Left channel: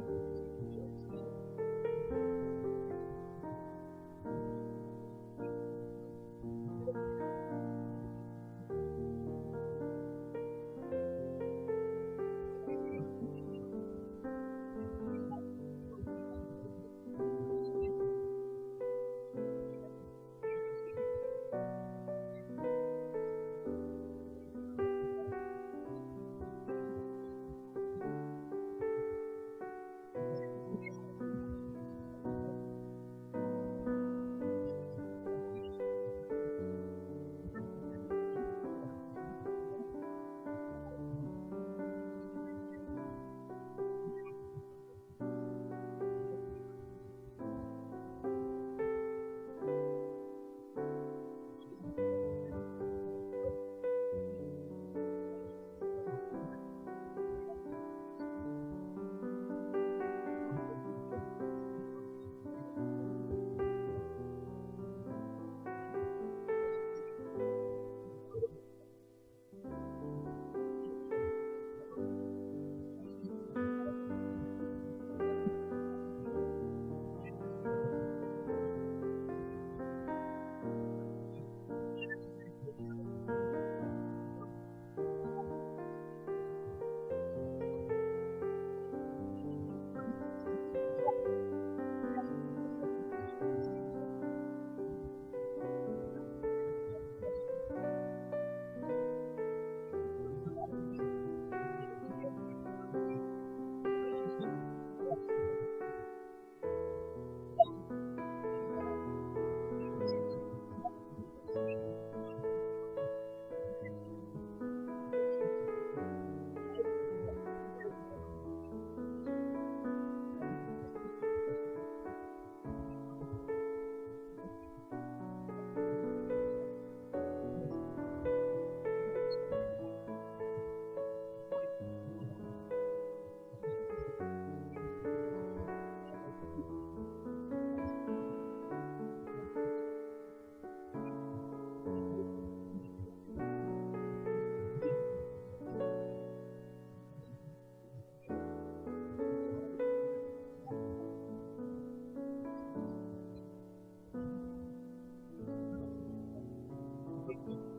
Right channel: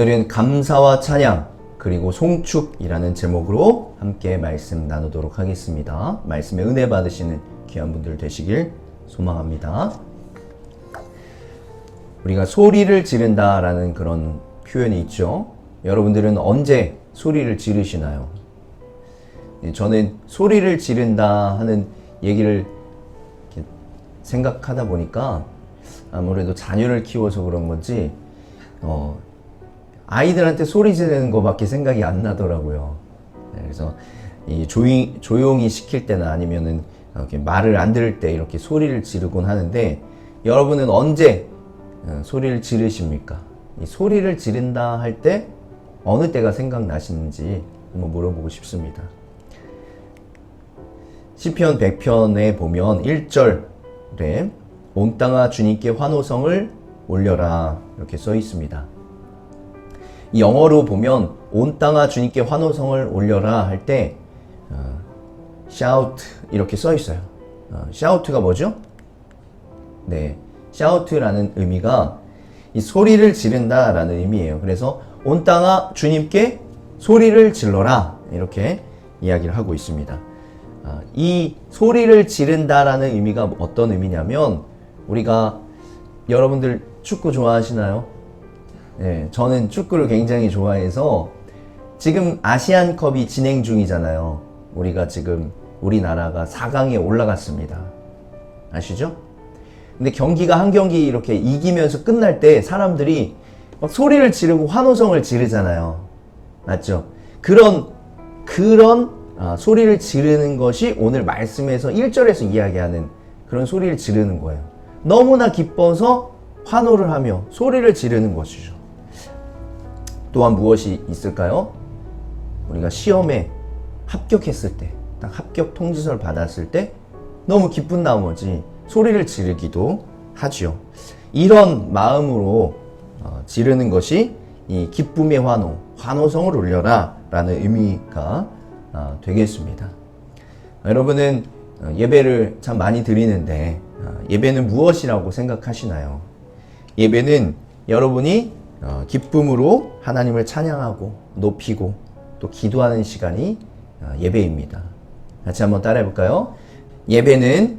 오늘은 감사와 찬양 그리고 송축이라는 제목으로 함께 말씀 나누도록 하겠습니다. 말씀에 은혜 받으시는 귀한 분들 되시길 소망합니다. 우리가 소리를 지른다라는 그런 표현이 있죠. 여러분들은 언제 소리를 지르시나요? 저는 소리를 지른다 하는 얘기를 생각하다 보니까 아무래도 자녀를 키워서 그런 건지 아이들한테 소리 지르는 것밖에 생각이 안 나더라고요. 그래서 이 조용히 시킬 때나 아니면은 이렇게 말을 안 들을 때 이렇게 소리를 지르곤 하는데, 여러분은 언제 소리를 지르십니까? 이 소리를 지른다 할 때 어느 때가 생각나시는지 한번 물어보고 싶습니다. 시편 100편에 보면 1절에 온 땅아 주님께 환호성을 올려라 이렇게 써 있습니다. 이 영어로 보면 온 땅아 주님께 환호성을 올려라 할 때 shout 이렇게 써 있어요. shout가 뭐죠? 네, shout라는 의미가 이 소리를 지른다 라는 의미예요. 그래서 온 땅아 주님께 소리를 질러라 이렇게 이야기를 하고 있습니다. 이 소리를 지른다 라는 의미가 어떤 의미냐면, 우리가 여러분들 축구 좋아하시나요? 네, 저는 축구를 굉장히 좋아해서 지금 아시안컵이 진행 중이잖아요. 우리가 지금 우리나라가 4강에 올라갔습니다. 아시죠? 근데 경기가 한 경기 이렇게 이기면서 끝날 때 사람들이 막 소리를 지르고 환호성을 지르잖아요. 맞죠? 그런 소리를 지르는 것이 오늘 말씀에서 1절에서 이야기하는 그런 소리를 지르는 거예요. 너무나 기뻐서 환호를 하며 소리를 지르는 것이죠. 또한 무엇이 있을까요? 우리가 시험에 합격했을 때, 딱 합격 통지서를 받았을 때 너무 기쁜 나머지 소리를 지르기도 하지요. 이런 마음으로 지르는 것이 이 기쁨의 환호성을 올려라 라는 의미가 되겠습니다. 여러분은 예배를 참 많이 드리는데 예배는 무엇이라고 생각하시나요? 예배는 여러분이 기쁨으로 하나님을 찬양하고 높이고 또 기도하는 시간이 예배입니다. 같이 한번 따라해 볼까요? 예배는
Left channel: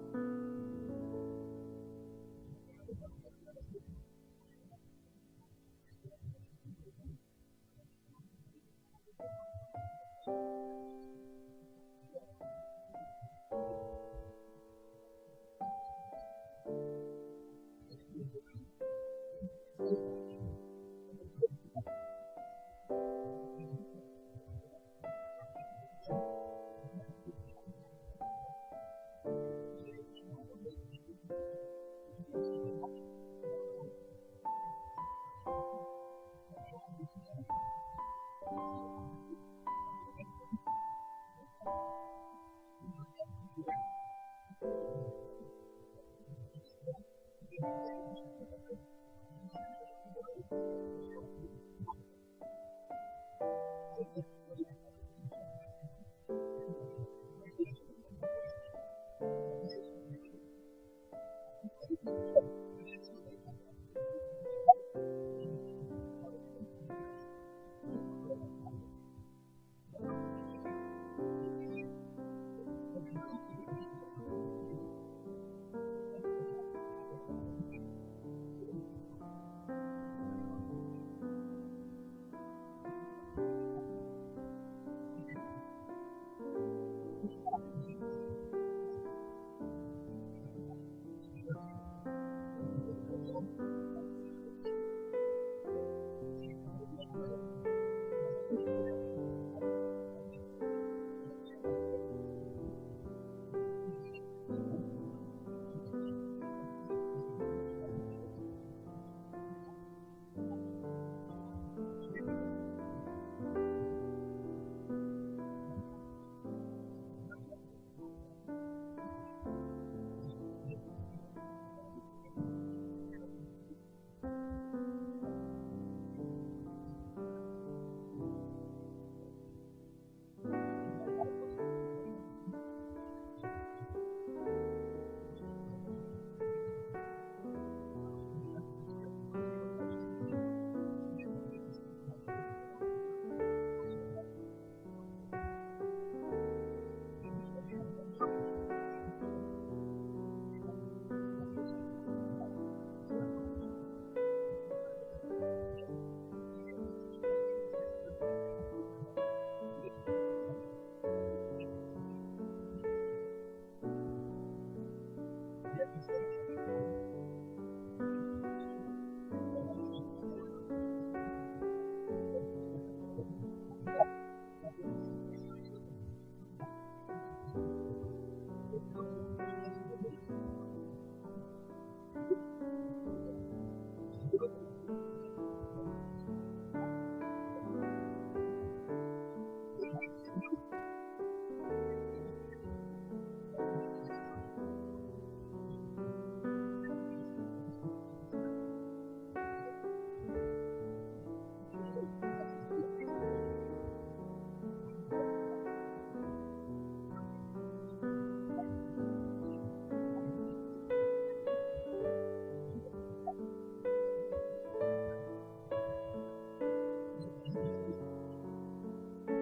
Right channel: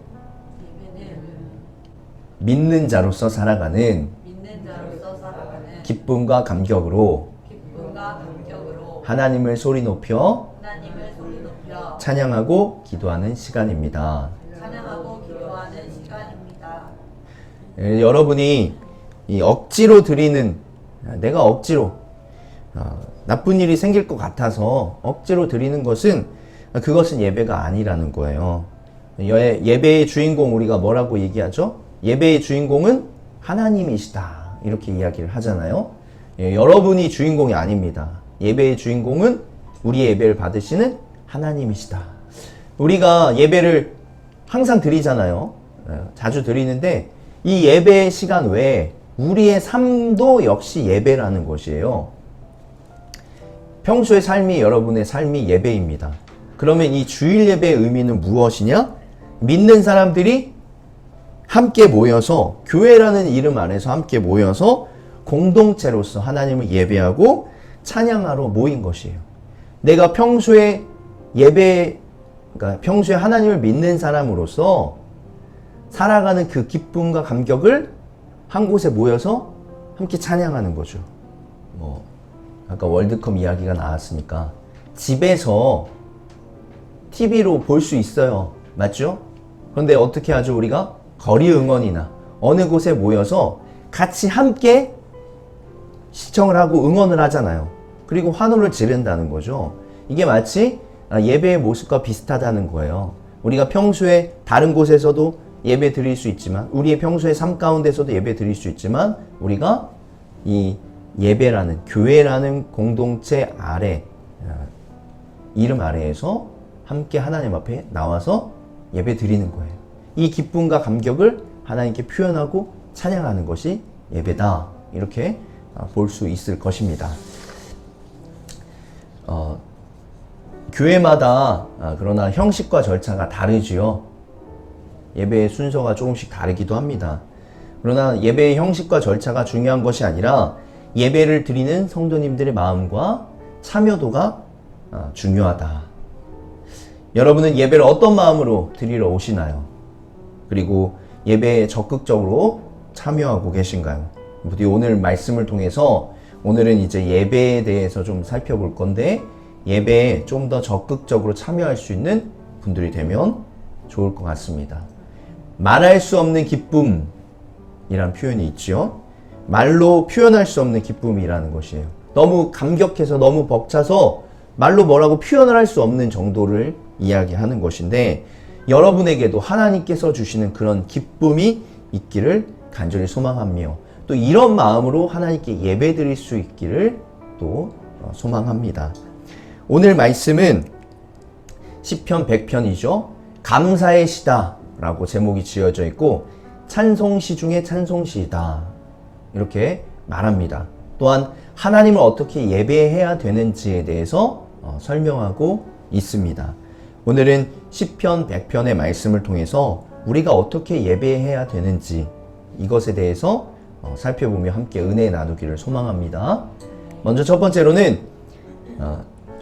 믿는 자로서 살아가는 기쁨과 감격으로 하나님을 소리 높여 찬양하고 기도하는 시간입니다. 여러분이 이 억지로 드리는, 내가 억지로 나쁜 일이 생길 것 같아서 억지로 드리는 것은, 그것은 예배가 아니라는 거예요. 예배의 주인공 우리가 뭐라고 얘기하죠? 예배의 주인공은 하나님이시다 이렇게 이야기를 하잖아요. 여러분이 주인공이 아닙니다. 예배의 주인공은 우리의 예배를 받으시는 하나님이시다. 우리가 예배를 항상 드리잖아요. 자주 드리는데 이 예배의 시간 외에 우리의 삶도 역시 예배라는 것이에요. 평소의 삶이, 여러분의 삶이 예배입니다. 그러면 이 주일 예배의 의미는 무엇이냐? 믿는 사람들이 함께 모여서, 교회라는 이름 안에서 함께 모여서 공동체로서 하나님을 예배하고 찬양하러 모인 것이에요. 내가 평소에 그러니까 평소에 하나님을 믿는 사람으로서 살아가는 그 기쁨과 감격을 한 곳에 모여서 함께 찬양하는 거죠. 아까 월드컵 이야기가 나왔으니까 집에서 TV로 볼 수 있어요. 맞죠? 그런데 어떻게 하죠? 우리가 거리 응원이나 어느 곳에 모여서 같이 함께 시청을 하고 응원을 하잖아요. 그리고 환호를 지른다는 거죠. 이게 마치 예배의 모습과 비슷하다는 거예요. 우리가 평소에 다른 곳에서도 예배 드릴 수 있지만, 우리의 평소의 삶 가운데서도 예배 드릴 수 있지만, 우리가 이 예배라는, 교회라는 공동체 아래, 이름 아래에서 함께 하나님 앞에 나와서 예배 드리는 거예요. 이 기쁨과 감격을 하나님께 표현하고 찬양하는 것이 예배다 이렇게 볼 수 있을 것입니다. 교회마다 그러나 형식과 절차가 다르지요. 예배의 순서가 조금씩 다르기도 합니다. 그러나 예배의 형식과 절차가 중요한 것이 아니라 예배를 드리는 성도님들의 마음과 참여도가 중요하다. 여러분은 예배를 어떤 마음으로 드리러 오시나요? 그리고 예배에 적극적으로 참여하고 계신가요? 부디 오늘 말씀을 통해서 오늘은 이제 예배에 대해서 좀 살펴볼 건데, 예배에 좀 더 적극적으로 참여할 수 있는 분들이 되면 좋을 것 같습니다. 말할 수 없는 기쁨이란 표현이 있죠. 말로 표현할 수 없는 기쁨이라는 것이에요. 너무 감격해서 너무 벅차서 말로 뭐라고 표현을 할 수 없는 정도를 이야기하는 것인데, 여러분에게도 하나님께서 주시는 그런 기쁨이 있기를 간절히 소망하며, 또 이런 마음으로 하나님께 예배 드릴 수 있기를 또 소망합니다. 오늘 말씀은 시편 100편이죠. 감사의 시다 라고 제목이 지어져 있고, 찬송시 중에 찬송시이다 이렇게 말합니다. 또한 하나님을 어떻게 예배해야 되는지에 대해서 설명하고 있습니다. 오늘은 시편 100편의 말씀을 통해서 우리가 어떻게 예배해야 되는지 이것에 대해서 살펴보며 함께 은혜 나누기를 소망합니다. 먼저 첫 번째로는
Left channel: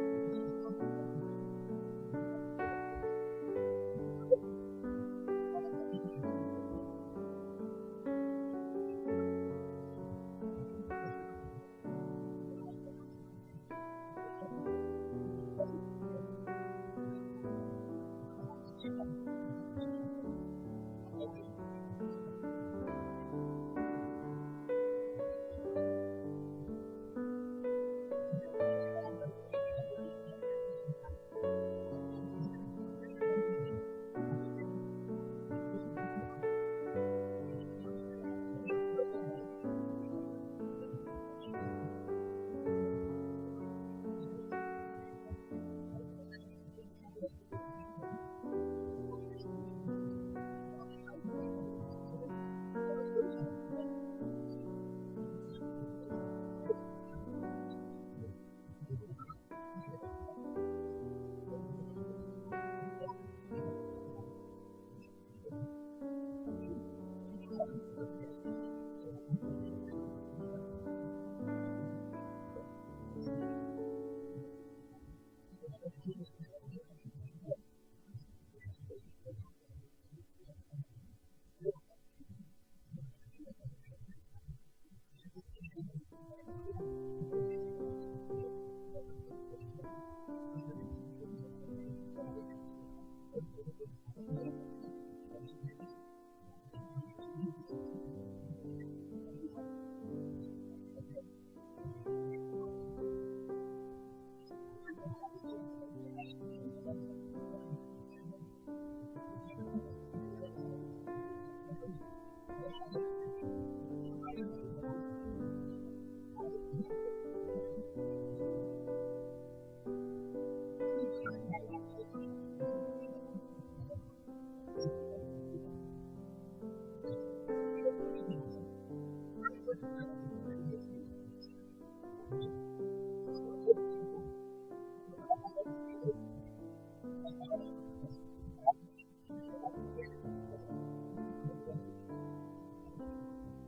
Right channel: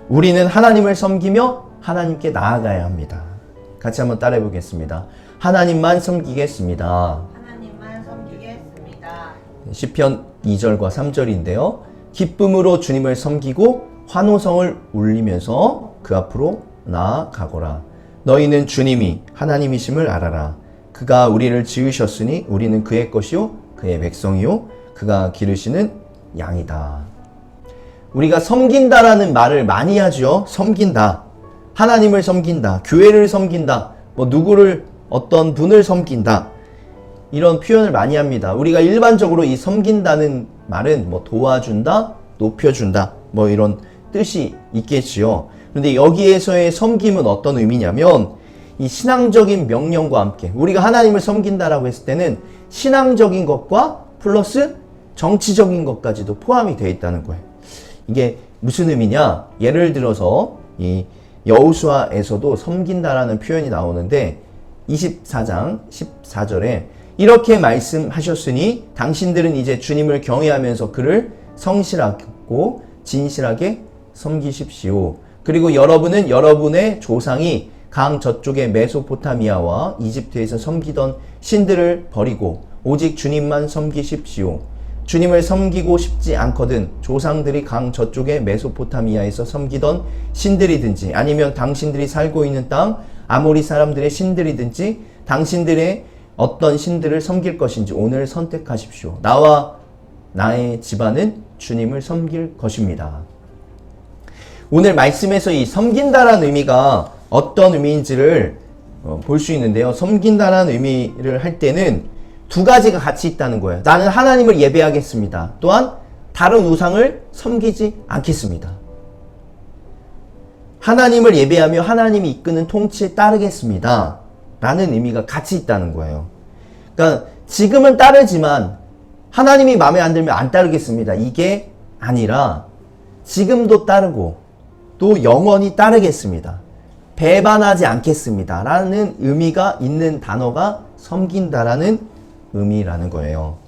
우리는 하나님을 섬기며 하나님께 나아가야 합니다. 같이 한번 따라해 보겠습니다. 하나님만 섬기겠습니다. 하나님만 섬기겠습니다. 시편 2절과 3절인데요. 기쁨으로 주님을 섬기고 환호성을 울리면서 그 앞으로 나아가거라. 너희는 주님이 하나님이심을 알아라. 그가 우리를 지으셨으니 우리는 그의 것이요 그의 백성이요 그가 기르시는 양이다. 우리가 섬긴다라는 말을 많이 하죠. 섬긴다. 하나님을 섬긴다. 교회를 섬긴다. 누구를 어떤 분을 섬긴다. 이런 표현을 많이 합니다. 우리가 일반적으로 이 섬긴다는 말은 도와준다, 높여준다, 이런 뜻이 있겠지요. 그런데 여기에서의 섬김은 어떤 의미냐면, 이 신앙적인 명령과 함께 우리가 하나님을 섬긴다라고 했을 때는 신앙적인 것과 플러스 정치적인 것까지도 포함이 되어 있다는 거예요. 이게 무슨 의미냐? 예를 들어서 이 여호수아에서도 섬긴다라는 표현이 나오는데 24장 14절에 이렇게 말씀하셨으니 당신들은 이제 주님을 경외하면서 그를 성실하고 진실하게 섬기십시오. 그리고 여러분은 여러분의 조상이 강 저쪽의 메소포타미아와 이집트에서 섬기던 신들을 버리고 오직 주님만 섬기십시오. 주님을 섬기고 싶지 않거든 조상들이 강 저쪽의 메소포타미아에서 섬기던 신들이든지 아니면 당신들이 살고 있는 땅 아모리 사람들의 신들이든지 당신들의 어떤 신들을 섬길 것인지 오늘 선택하십시오. 나와 나의 집안은 주님을 섬길 것입니다. 오늘 말씀에서 이 섬긴다라는 의미가 어떤 의미인지를 볼 수 있는데요. 섬긴다라는 의미를 할 때는 두 가지가 같이 있다는 거예요. 나는 하나님을 예배하겠습니다. 또한 다른 우상을 섬기지 않겠습니다. 하나님을 예배하며 하나님이 이끄는 통치에 따르겠습니다. 라는 의미가 같이 있다는 거예요. 그러니까 지금은 따르지만 하나님이 마음에 안 들면 안 따르겠습니다. 이게 아니라 지금도 따르고 또 영원히 따르겠습니다. 배반하지 않겠습니다. 라는 의미가 있는 단어가 섬긴다라는 의미라는 거예요.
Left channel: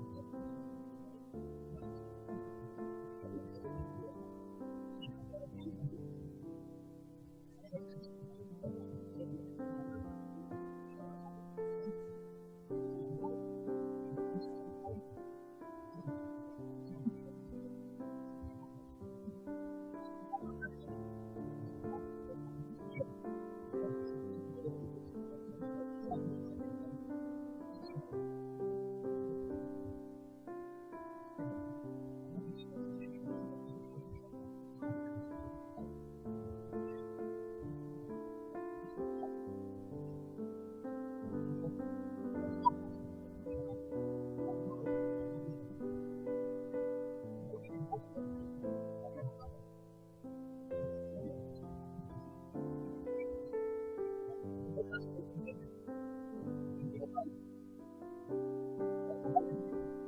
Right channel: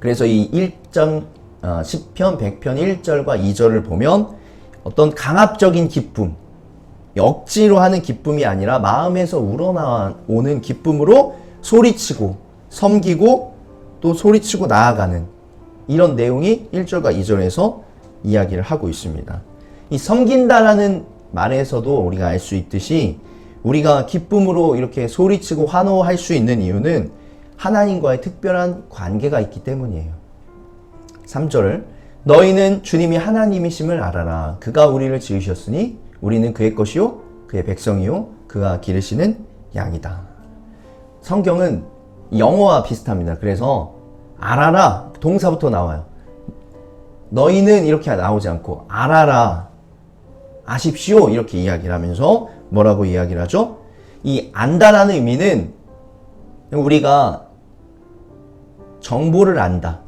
그래서 이 10편 100편 1절과 2절을 보면 어떤 강압적인 기쁨, 억지로 하는 기쁨이 아니라 마음에서 우러나오는 기쁨으로 소리치고 섬기고 또 소리치고 나아가는 이런 내용이 1절과 2절에서 이야기를 하고 있습니다. 이 섬긴다라는 말에서도 우리가 알 수 있듯이 우리가 기쁨으로 이렇게 소리치고 환호할 수 있는 이유는 하나님과의 특별한 관계가 있기 때문이에요. 3절 너희는 주님이 하나님이심을 알아라. 그가 우리를 지으셨으니 우리는 그의 것이요 그의 백성이요 그가 기르시는 양이다. 성경은 영어와 비슷합니다. 그래서 알아라 동사부터 나와요. 너희는 이렇게 나오지 않고 알아라 아십시오 이렇게 이야기를 하면서 뭐라고 이야기를 하죠? 이 안다라는 의미는 우리가 정보를 안다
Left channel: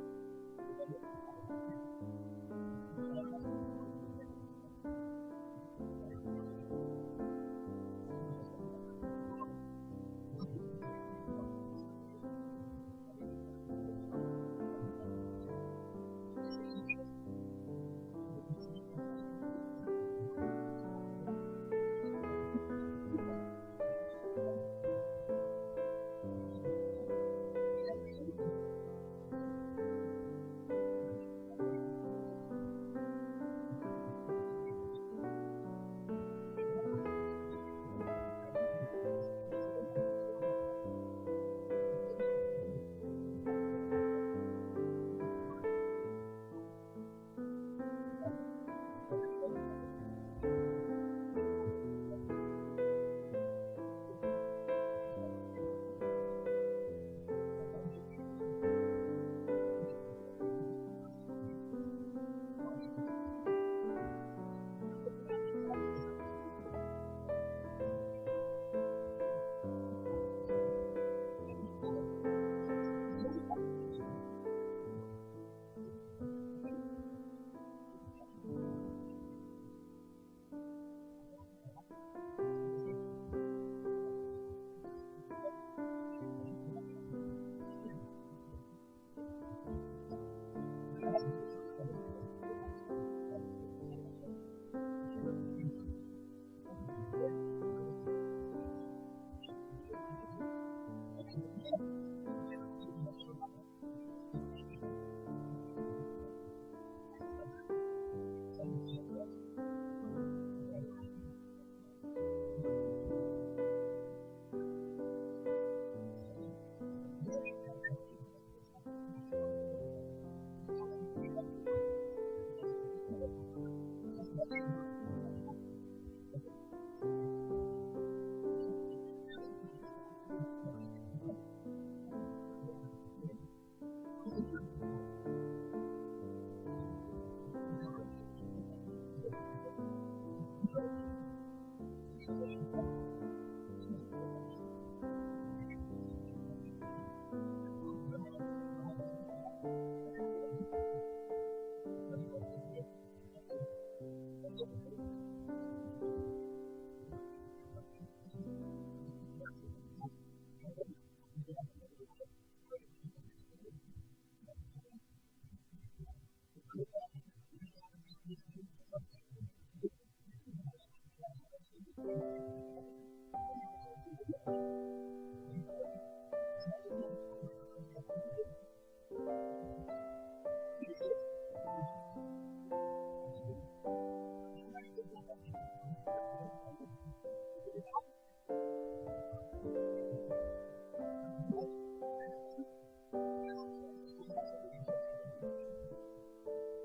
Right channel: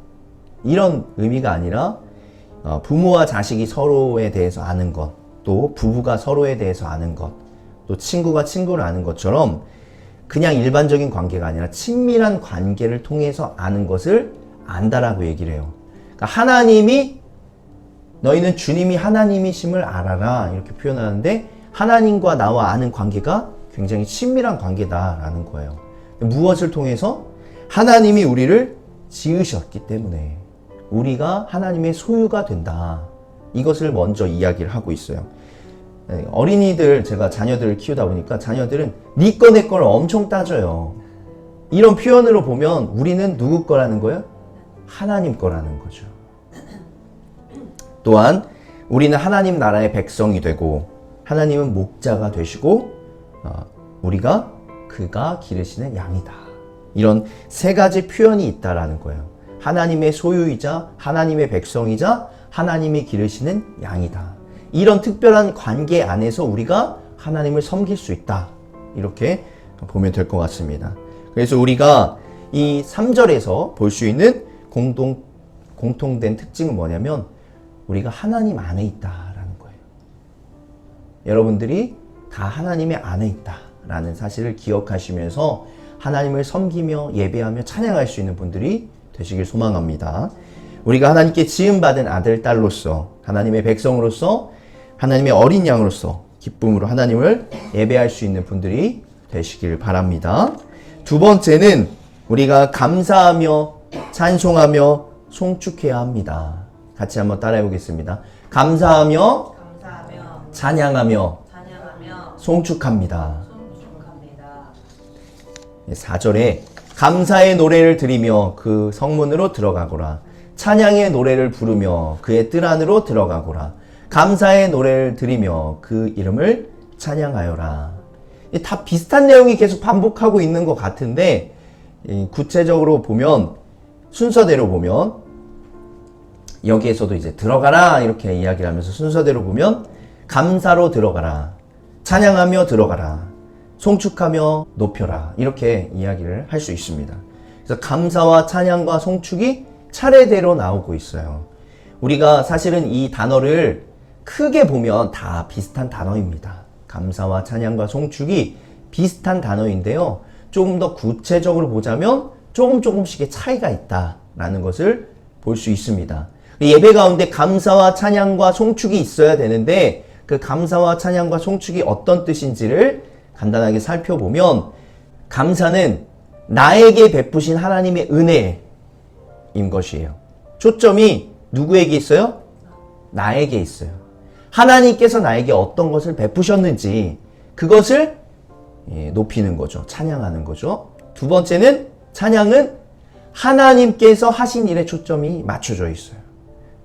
이런 의미가 아니라 부모와 자식이 서로에 대해서 아는 것, 또 부부가 서로에 대해서 아는 것, 또 친구가 친구를 아는 것처럼 그냥 일반적인 관계가 아니라 친밀한 관계를 통해서 아는 것을 안다라고 얘기를 해요. 그러니까 하나님이 너희는 주님이 하나님이심을 알아라 이렇게 표현하는데 하나님과 나와 아는 관계가 굉장히 친밀한 관계다라는 거예요. 무엇을 통해서? 하나님이 우리를 지으셨기 때문에 우리가 하나님의 소유가 된다. 이것을 먼저 이야기를 하고 있어요. 어린이들, 제가 자녀들을 키우다 보니까 자녀들은 네 거 내 거를 엄청 따져요. 이런 표현으로 보면 우리는 누구 거라는 거예요? 하나님 거라는 거죠. 또한 우리는 하나님 나라의 백성이 되고 하나님은 목자가 되시고 우리가 그가 기르시는 양이다. 이런 세 가지 표현이 있다라는 거예요. 하나님의 소유이자 하나님의 백성이자 하나님이 기르시는 양이다. 이런 특별한 관계 안에서 우리가 하나님을 섬길 수 있다. 이렇게 보면 될 것 같습니다. 그래서 우리가 이 3절에서 볼 수 있는 공통된 특징은 뭐냐면 우리가 하나님 안에 있다라는 거예요. 여러분들이 다 하나님의 안에 있다라는 사실을 기억하시면서 하나님을 섬기며 예배하며 찬양할 수 있는 분들이 되시길 소망합니다. 우리가 하나님께 지음받은 아들, 딸로서 하나님의 백성으로서 하나님의 어린 양으로서 기쁨으로 하나님을 예배할 수 있는 분들이 되시길 바랍니다. 두 번째는 우리가 감사하며 찬송하며 송축해야 합니다. 같이 한번 따라해 보겠습니다. 감사하며 찬양하며 송축합니다. 4절에 감사의 노래를 드리며 그 성문으로 들어가거라. 찬양의 노래를 부르며 그의 뜰 안으로 들어가거라. 감사의 노래를 드리며 그 이름을 찬양하여라. 다 비슷한 내용이 계속 반복하고 있는 것 같은데 구체적으로 보면 순서대로 보면 여기에서도 이제 들어가라 이렇게 이야기를 하면서 순서대로 보면 감사로 들어가라. 찬양하며 들어가라. 송축하며 높여라. 이렇게 이야기를 할 수 있습니다. 그래서 감사와 찬양과 송축이 차례대로 나오고 있어요. 우리가 사실은 이 단어를 크게 보면 다 비슷한 단어입니다. 감사와 찬양과 송축이 비슷한 단어인데요. 조금 더 구체적으로 보자면 조금씩의 차이가 있다라는 것을 볼 수 있습니다. 예배 가운데 감사와 찬양과 송축이 있어야 되는데 그 감사와 찬양과 송축이 어떤 뜻인지를 간단하게 살펴보면 감사는 나에게 베푸신 하나님의 은혜인 것이에요. 초점이 누구에게 있어요? 나에게 있어요. 하나님께서 나에게 어떤 것을 베푸셨는지 그것을 높이는 거죠. 찬양하는 거죠. 두 번째는 찬양은 하나님께서 하신 일에 초점이 맞춰져 있어요.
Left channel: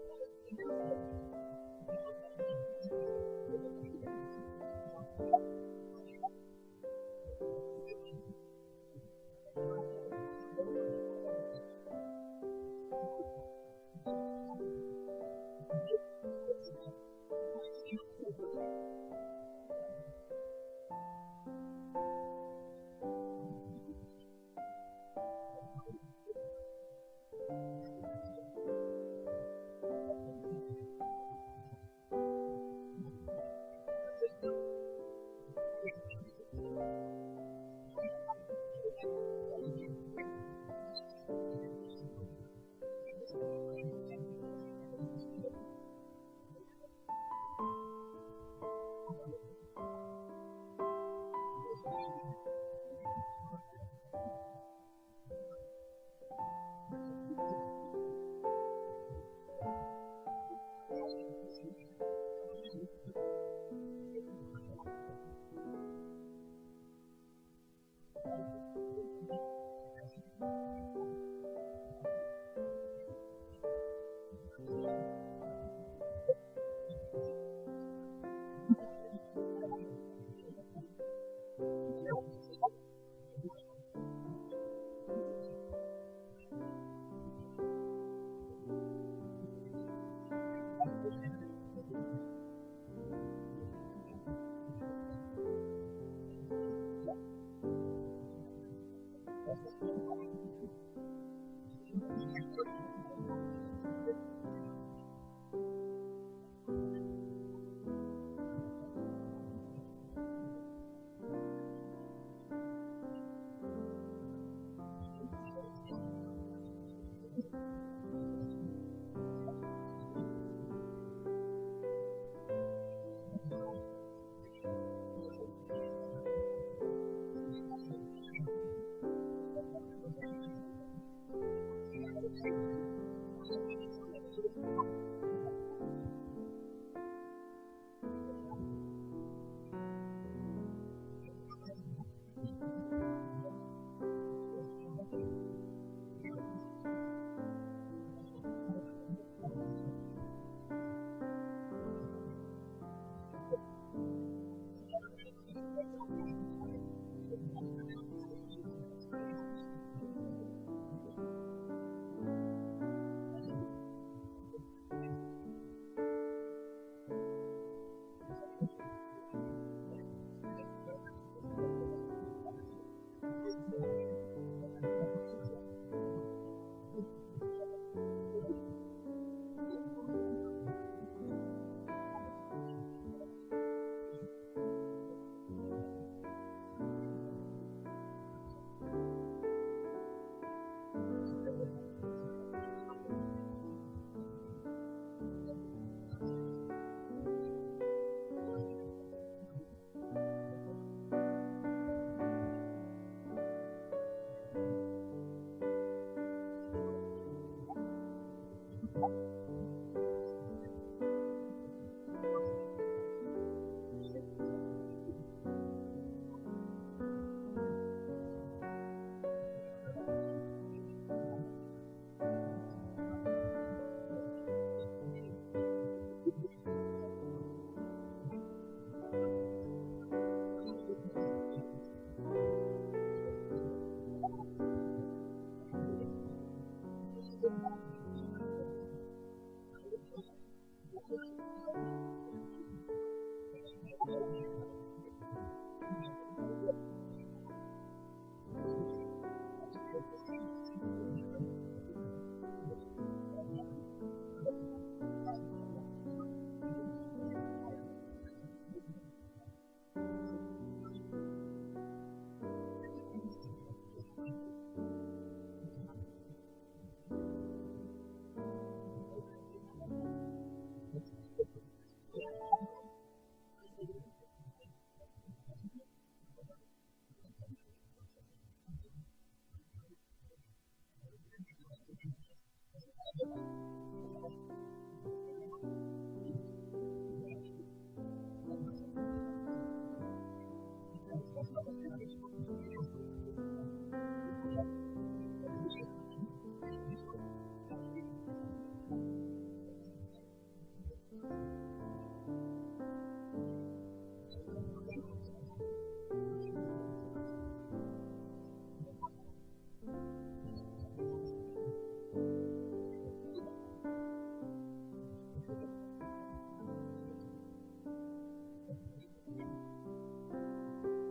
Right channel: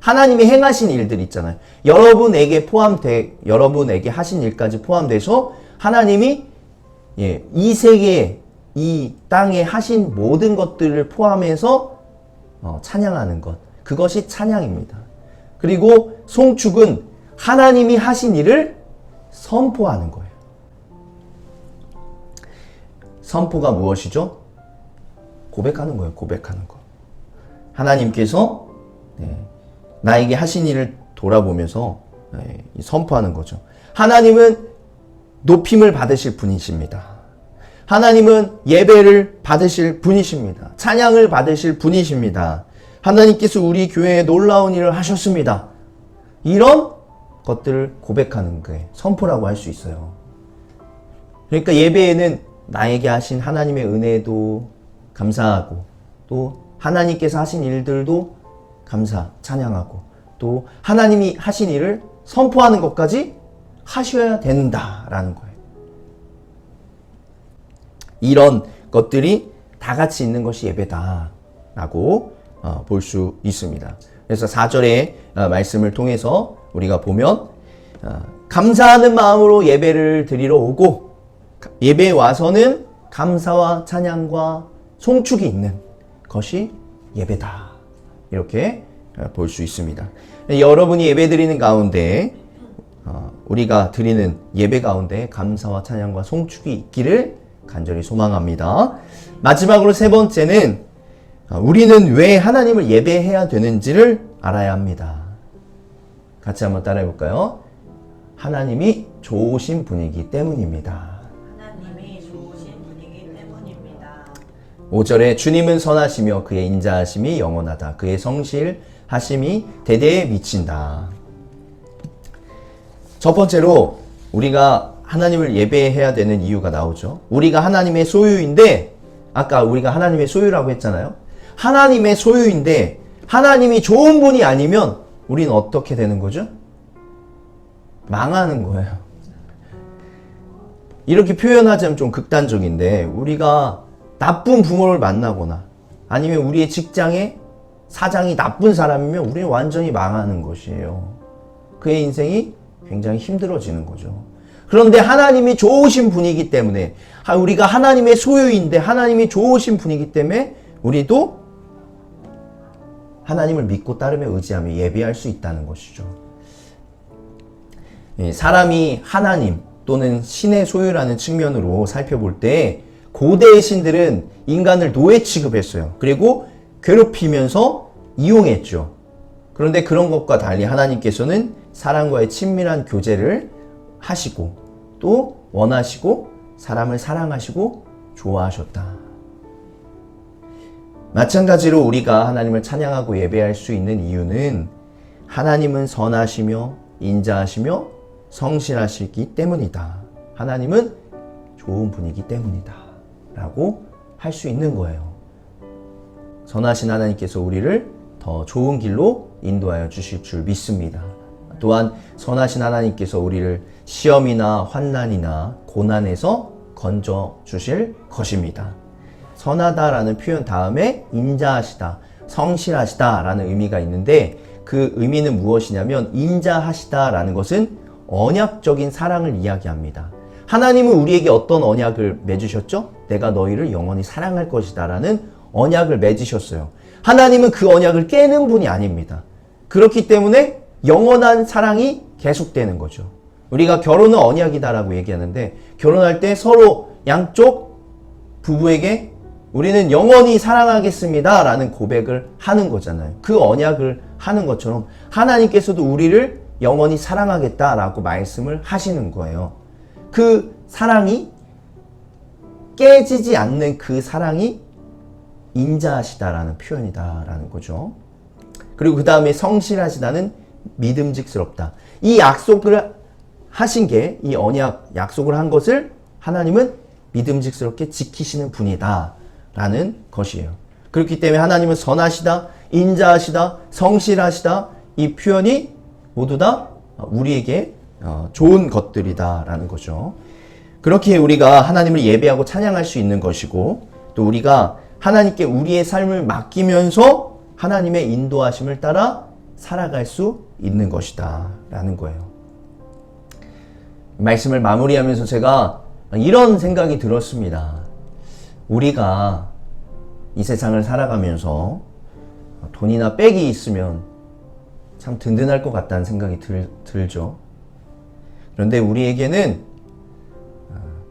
하나님이 행하신 일들 있잖아요. 여러분에게 하신 일까지 포함돼서 하나님이 이 세계, 이 땅에 하신 모든 것들을 포함해서 찬양하는 것. 그것이 찬양입니다. 그리고 송축은 하나님이 하신 일을 선포하는 거예요. 선포가 무엇이죠? 고백하는 거예요. 고백하는 거. 하나님께서 나에게 하신 일을 돌아보면서 선포하는 거죠. 하나님은 높임을 받으실 분이십니다. 하나님은 예배를 받으실 분이십니다. 찬양을 받으실 분이십니다. 하나님께서 우리 교회에 놀라운 일을 하셨습니다. 이런 것들을 고백하는 게 선포라고 할 수 있어요. 그러니까 예배에는 나에게 하신 하나님의 은혜도 감사하고 또 하나님께서 하신 일들도 찬양하고 또 하나님이 하신 일을 선포하는 것까지 하셔야 된다라는 거예요. 이런 것들이 다 같이 있는 것이 예배다라고 볼 수 있습니다. 그래서 4절의 말씀을 통해서 우리가 보면 감사하는 마음으로 예배를 드리러 오고 예배에 와서는 감사와 찬양과 송축이 있는 것이 예배다. 이렇게 볼 수 있습니다. 여러분이 예배 드리는 가운데 우리가 드리는 예배 가운데 감사와 찬양과 송축이 있기를 간절히 소망합니다. 마지막으로 세 번째는 우리는 왜 하나님을 예배해야 되는지를 알아야 합니다. 같이 한번 따라해 볼까요? 하나님이 좋으신 분이기 때문입니다. 하나님이 좋으신 분이기 때문입니다. 5절에 주님은 선하시며 그의 인자하심이 영원하다. 그의 성실하심이 대대에 미친다. 첫 번째로 우리가 하나님을 예배해야 되는 이유가 나오죠. 우리가 하나님의 소유인데, 아까 우리가 하나님의 소유라고 했잖아요. 하나님의 소유인데 하나님이 좋은 분이 아니면 우리는 어떻게 되는 거죠? 망하는 거예요. 이렇게 표현하자면 좀 극단적인데, 우리가 나쁜 부모를 만나거나 아니면 우리의 직장에 사장이 나쁜 사람이면 우리는 완전히 망하는 것이에요. 그의 인생이 굉장히 힘들어지는 거죠. 그런데 하나님이 좋으신 분이기 때문에, 우리가 하나님의 소유인데 하나님이 좋으신 분이기 때문에 우리도 하나님을 믿고 따르며 의지하며 예배할 수 있다는 것이죠. 사람이 하나님 또는 신의 소유라는 측면으로 살펴볼 때 고대의 신들은 인간을 노예 취급했어요. 그리고 괴롭히면서 이용했죠. 그런데 그런 것과 달리 하나님께서는 사람과의 친밀한 교제를 하시고 또 원하시고 사람을 사랑하시고 좋아하셨다. 마찬가지로 우리가 하나님을 찬양하고 예배할 수 있는 이유는 하나님은 선하시며 인자하시며 성실하시기 때문이다. 하나님은 좋은 분이기 때문이다. 라고 할 수 있는 거예요. 선하신 하나님께서 우리를 더 좋은 길로 인도하여 주실 줄 믿습니다. 또한 선하신 하나님께서 우리를 시험이나 환난이나 고난에서 건져 주실 것입니다. 선하다라는 표현 다음에 인자하시다, 성실하시다라는 의미가 있는데, 그 의미는 무엇이냐면 인자하시다라는 것은 언약적인 사랑을 이야기합니다. 하나님은 우리에게 어떤 언약을 맺으셨죠? 내가 너희를 영원히 사랑할 것이다 라는 언약을 맺으셨어요. 하나님은 그 언약을 깨는 분이 아닙니다. 그렇기 때문에 영원한 사랑이 계속되는 거죠. 우리가 결혼은 언약이다라고 얘기하는데, 결혼할 때 서로 양쪽 부부에게 우리는 영원히 사랑하겠습니다 라는 고백을 하는 거잖아요. 그 언약을 하는 것처럼 하나님께서도 우리를 영원히 사랑하겠다라고 말씀을 하시는 거예요. 그 사랑이 깨지지 않는 그 사랑이 인자하시다라는 표현이다라는 거죠. 그리고 그 다음에 성실하시다는 믿음직스럽다. 이 약속을 하신 게, 이 언약 약속을 한 것을 하나님은 믿음직스럽게 지키시는 분이다 라는 것이에요. 그렇기 때문에 하나님은 선하시다, 인자하시다, 성실하시다, 이 표현이 모두 다 우리에게 좋은 것들이다 라는 거죠. 그렇게 우리가 하나님을 예배하고 찬양할 수 있는 것이고, 또 우리가 하나님께 우리의 삶을 맡기면서 하나님의 인도하심을 따라 살아갈 수 있는 것이다 라는 거예요. 말씀을 마무리하면서 제가 이런 생각이 들었습니다. 우리가 이 세상을 살아가면서 돈이나 백이 있으면 참 든든할 것 같다는 생각이 들죠. 그런데 우리에게는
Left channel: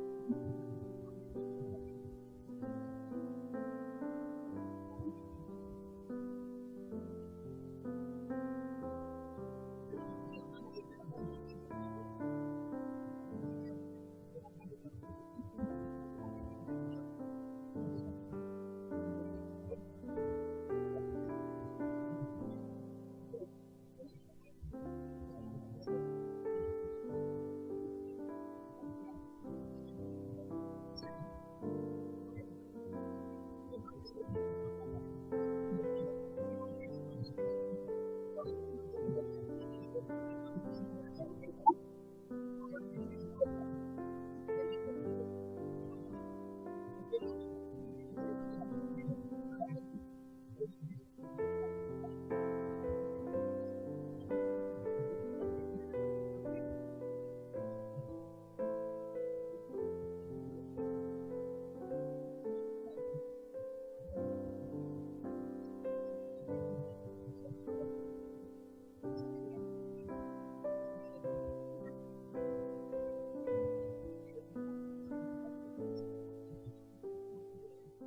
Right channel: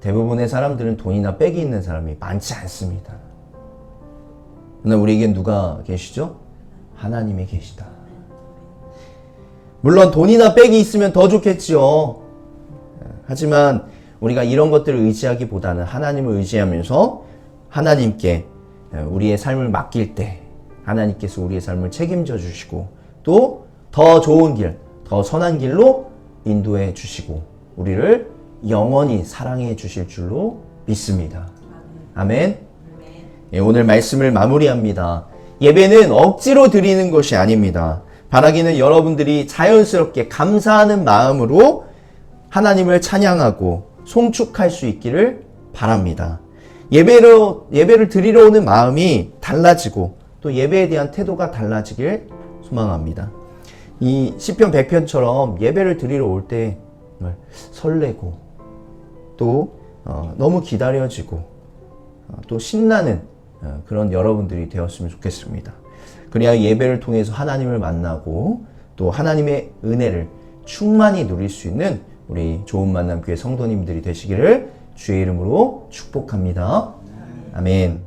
대부분의 사람들은 돈이나 백이 있는 사람이 많지 않습니다. 그러나 우리에겐 누가 계시죠? 하나님이 계시다. 물론 돈이나 백이 있으면 더 좋겠지요. 하지만 우리가 이런 것들을 의지하기보다는 하나님을 의지하면서 하나님께 우리의 삶을 맡길 때 하나님께서 우리의 삶을 책임져 주시고 또 더 좋은 길, 더 선한 길로 인도해 주시고 우리를 영원히 사랑해 주실 줄로 믿습니다. 아멘. 오늘 말씀을 마무리합니다. 예배는 억지로 드리는 것이 아닙니다. 바라기는 여러분들이 자연스럽게 감사하는 마음으로 하나님을 찬양하고 송축할 수 있기를 바랍니다. 예배를 드리러 오는 마음이 달라지고 또 예배에 대한 태도가 달라지길 소망합니다. 이 시편 100편처럼 예배를 드리러 올 때 설레고 또 너무 기다려지고 또 신나는 그런 여러분들이 되었으면 좋겠습니다. 그래야 예배를 통해서 하나님을 만나고 또 하나님의 은혜를 충만히 누릴 수 있는 우리 좋은 만남 교회 성도님들이 되시기를 주의 이름으로 축복합니다. 아멘.